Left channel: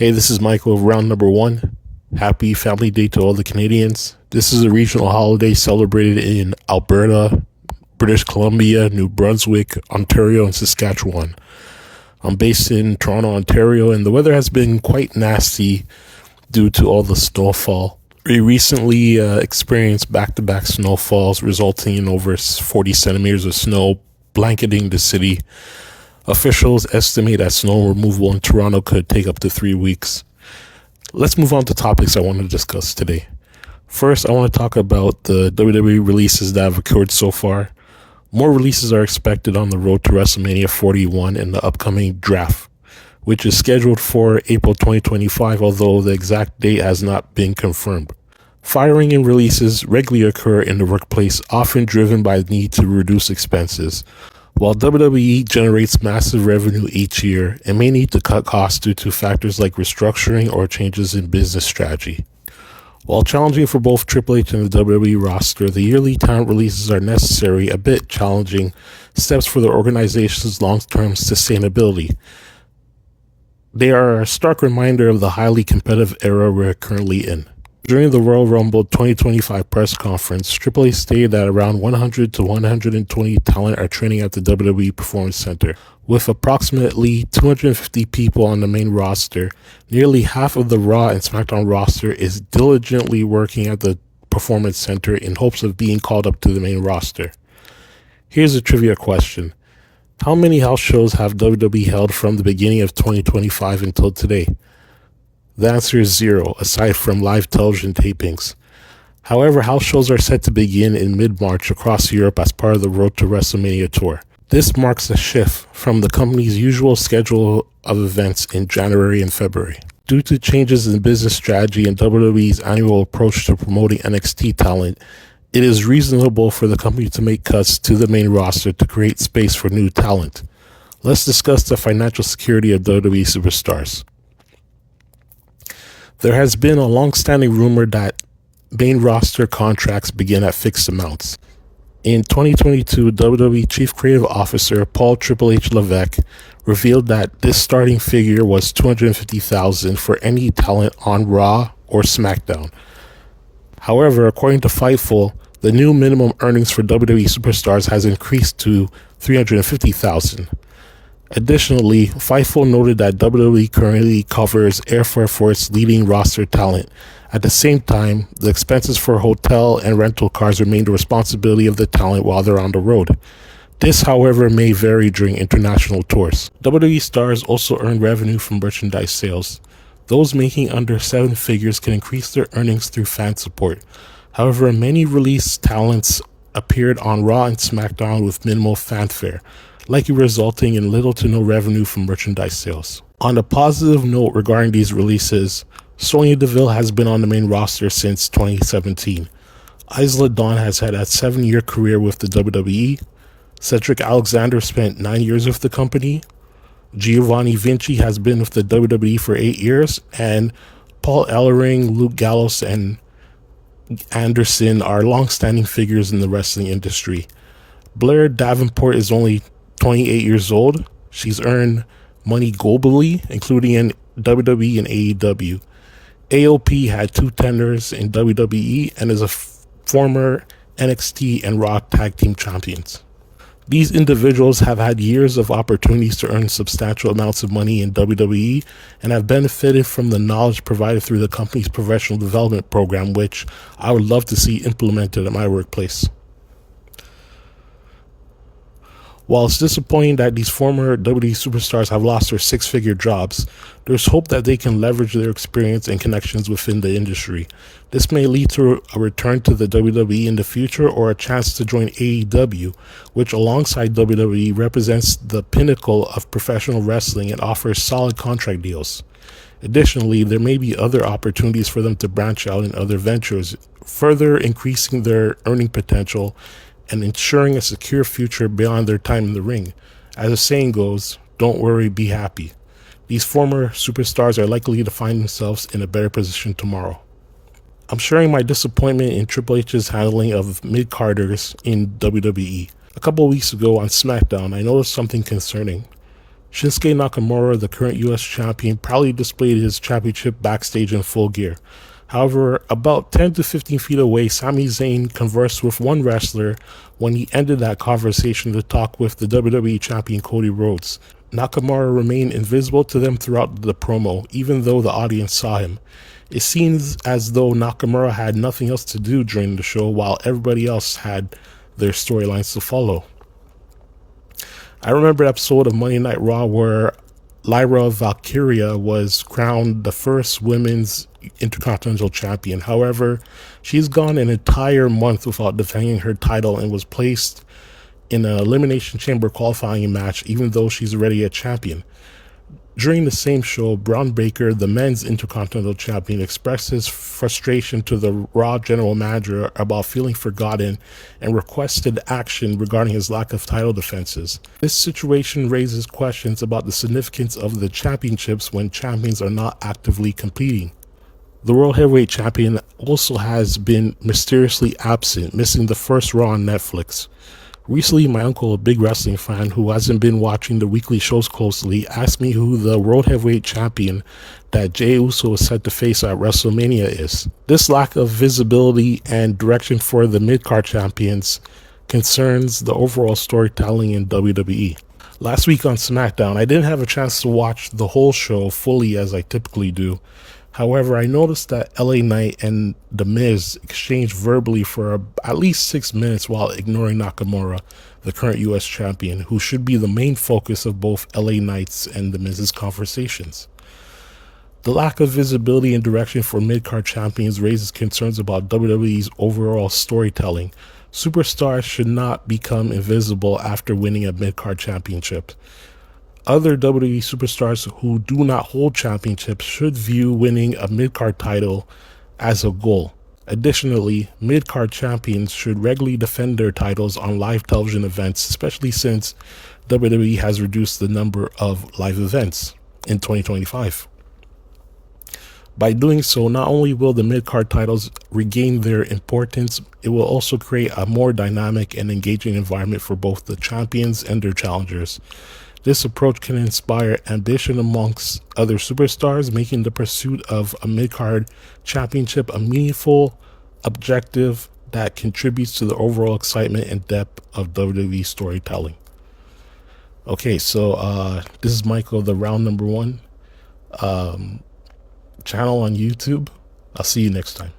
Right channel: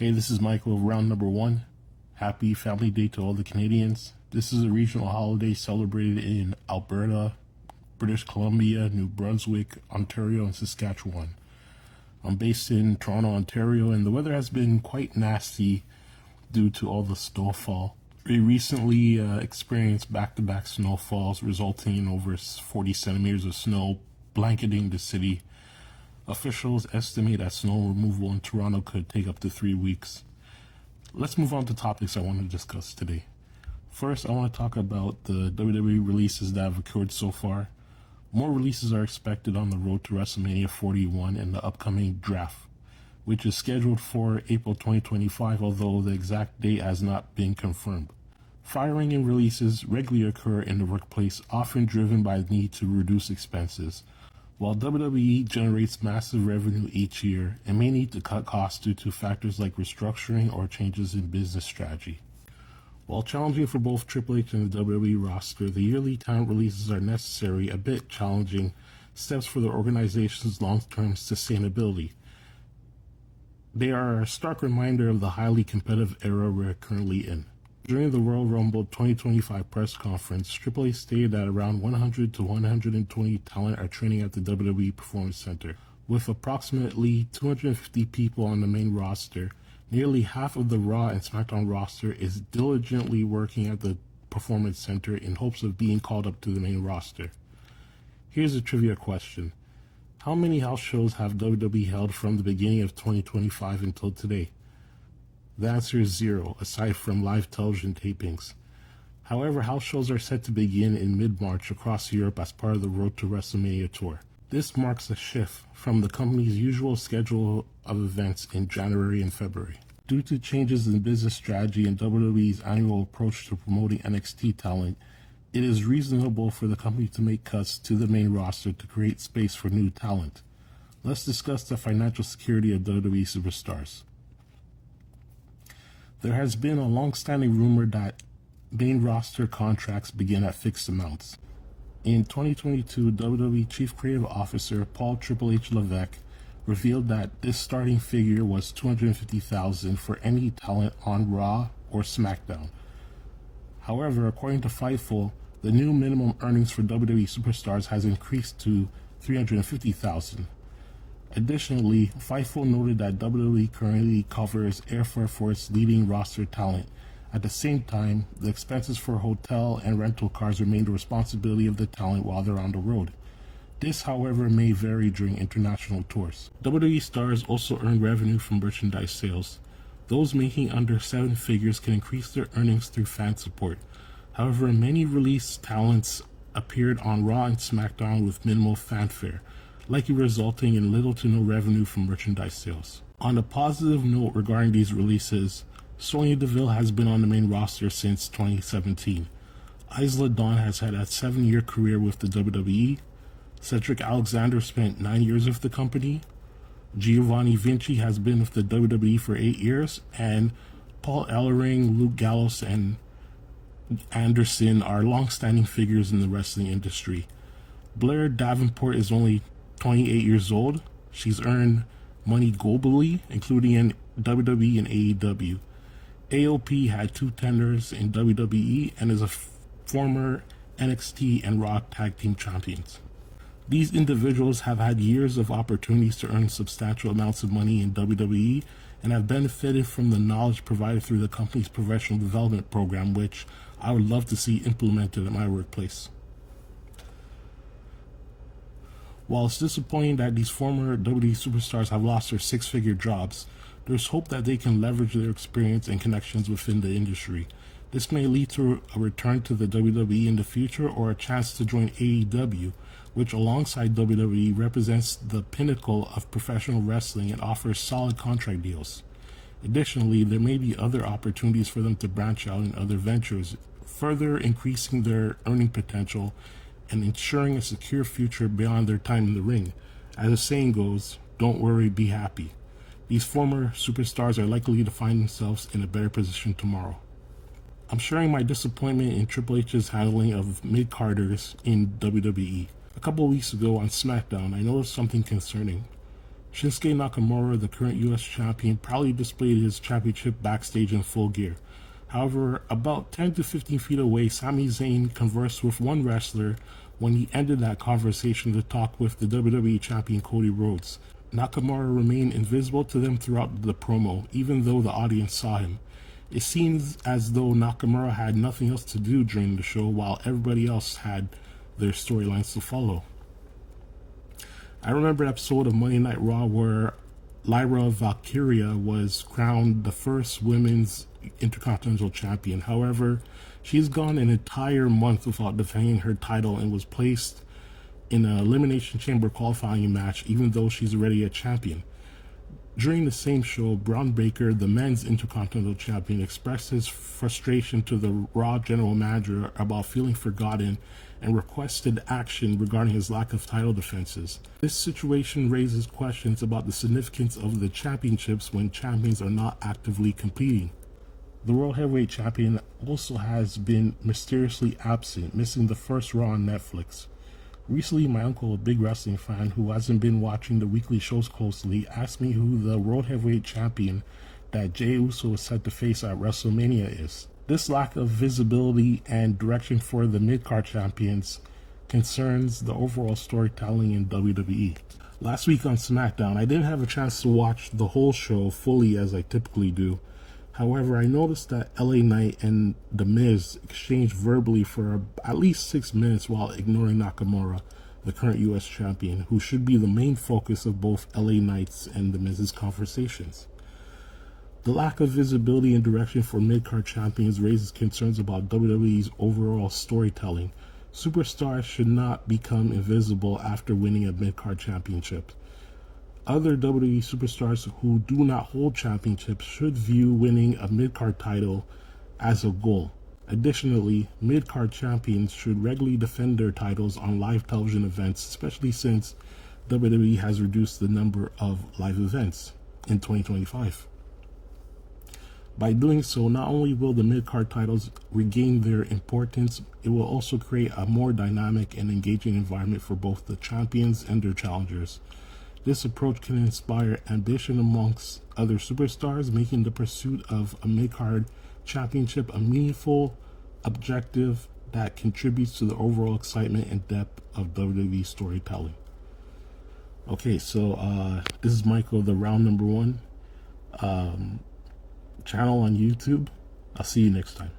Hey, this is Michael of round number one. Happy Family Day to all the Canadians. This is a regional holiday celebrated in Alberta, British Columbia, New Brunswick, Ontario, and Saskatchewan. I'm based in Toronto, Ontario, and the weather has been quite nasty due to all the snowfall. We recently experienced back-to-back snowfalls, resulting in over 40 centimeters of snow blanketing the city. Officials estimate that snow removal in Toronto could take up to 3 weeks. Let's move on to topics I want to discuss today. First, I want to talk about the WWE releases that have occurred so far. More releases are expected on the road to WrestleMania 41 and the upcoming draft, which is scheduled for April 2025, although the exact date has not been confirmed. Firing and releases regularly occur in the workplace, often driven by the need to reduce expenses. While WWE generates massive revenue each year, it may need to cut costs due to factors like restructuring or changes in business strategy. While challenging for both Triple H and the WWE roster, the yearly talent releases are necessary, a bit challenging steps for the organization's long-term sustainability. They are a stark reminder of the highly competitive era we're currently in. During the Royal Rumble 2025 press conference, Triple H stated that around 100 to 120 talent are training at the WWE Performance Center. With approximately 250 people on the main roster, nearly half of the Raw and SmackDown roster is diligently working at the Performance Center in hopes of being called up to the main roster. Here's a trivia question. How many house shows have WWE held from the beginning of 2025 until today? The answer is 0, aside from live television tapings. However, house shows are set to begin in mid-March across Europe as part of the Road to WrestleMania tour. This marks a shift from the company's usual schedule of events in January and February. Due to changes in business strategy and WWE's annual approach to promoting NXT talent, it is reasonable for the company to make cuts to the main roster to create space for new talent. Let's discuss the financial security of WWE superstars. There has been a long-standing rumor that main roster contracts begin at fixed amounts. In 2022, WWE Chief Creative Officer Paul Triple H Levesque revealed that this starting figure was $250,000 for any talent on Raw or SmackDown. However, according to Fightful, the new minimum earnings for WWE superstars has increased to $350,000. Additionally, Fightful noted that WWE currently covers airfare for its leading roster talent. At the same time, the expenses for hotel and rental cars remain the responsibility of the talent while they're on the road. This, however, may vary during international tours. WWE stars also earn revenue from merchandise sales. Those making under 7 figures can increase their earnings through fan support. However, many released talents appeared on Raw and SmackDown with minimal fanfare, likely resulting in little to no revenue from merchandise sales. On a positive note regarding these releases, Sonya Deville has been on the main roster since 2017. Isla Dawn has had a 7-year career with the WWE. Cedric Alexander spent 9 years with the company. Giovanni Vinci has been with the WWE for 8 years. And Paul Ellering, Luke Gallows, and Anderson are long-standing figures in the wrestling industry. Blair Davenport is only 28 years old. She's earned money globally, including in WWE and AEW. AOP had 2 tenders in WWE and is a former NXT and Raw Tag Team Champions. These individuals have had years of opportunities to earn substantial amounts of money in WWE and have benefited from the knowledge provided through the company's professional development program, which I would love to see implemented at my workplace. While it's disappointing that these former WWE superstars have lost their 6-figure jobs, there's hope that they can leverage their experience and connections within the industry. This may lead to a return to the WWE in the future or a chance to join AEW, which alongside WWE represents the pinnacle of professional wrestling and offers solid contract deals. Additionally, there may be other opportunities for them to branch out in other ventures, further increasing their earning potential and ensuring a secure future beyond their time in the ring. As the saying goes, don't worry, be happy. These former superstars are likely to find themselves in a better position tomorrow. I'm sharing my disappointment in Triple H's handling of mid-carders in WWE. A couple of weeks ago on SmackDown, I noticed something concerning. Shinsuke Nakamura, the current US champion, proudly displayed his championship backstage in full gear. However, about 10 to 15 feet away, Sami Zayn conversed with one wrestler when he ended that conversation to talk with the WWE champion Cody Rhodes. Nakamura remained invisible to them throughout the promo, even though the audience saw him. It seems as though Nakamura had nothing else to do during the show while everybody else had their storylines to follow. I remember an episode of Monday Night Raw where Lyra Valkyria was crowned the first women's Intercontinental Champion. However, she's gone an entire month without defending her title and was placed in an Elimination Chamber qualifying match even though she's already a champion. During the same show, Braun Breaker, the men's Intercontinental Champion, expressed his frustration to the Raw general manager about feeling forgotten and requested action regarding his lack of title defenses. This situation raises questions about the significance of the championships when champions are not actively competing. The World Heavyweight Champion also has been mysteriously absent, missing the first Raw on Netflix. Recently, my uncle, a big wrestling fan who hasn't been watching the weekly shows closely, asked me who the World Heavyweight Champion that Jey Uso is set to face at WrestleMania is. This lack of visibility and direction for the mid-card champions concerns the overall storytelling in WWE. Last week on SmackDown, I didn't have a chance to watch the whole show fully as I typically do. However, I noticed that LA Knight and The Miz exchanged verbally for at least 6 minutes while ignoring Nakamura, the current US champion, who should be the main focus of both LA Knight's and The Miz's conversations. The lack of visibility and direction for mid-card champions raises concerns about WWE's overall storytelling. Superstars should not become invisible after winning a mid-card championship. Other WWE superstars who do not hold championships should view winning a mid-card title as a goal. Additionally, mid-card champions should regularly defend their titles on live television events, especially since WWE has reduced the number of live events in 2025. By doing so, not only will the mid-card titles regain their importance, it will also create a more dynamic and engaging environment for both the champions and their challengers. This approach can inspire ambition amongst other superstars, making the pursuit of a mid-card championship a meaningful objective that contributes to the overall excitement and depth of WWE storytelling. Okay, so this is Michael, the Round Number One channel on YouTube. I'll see you next time.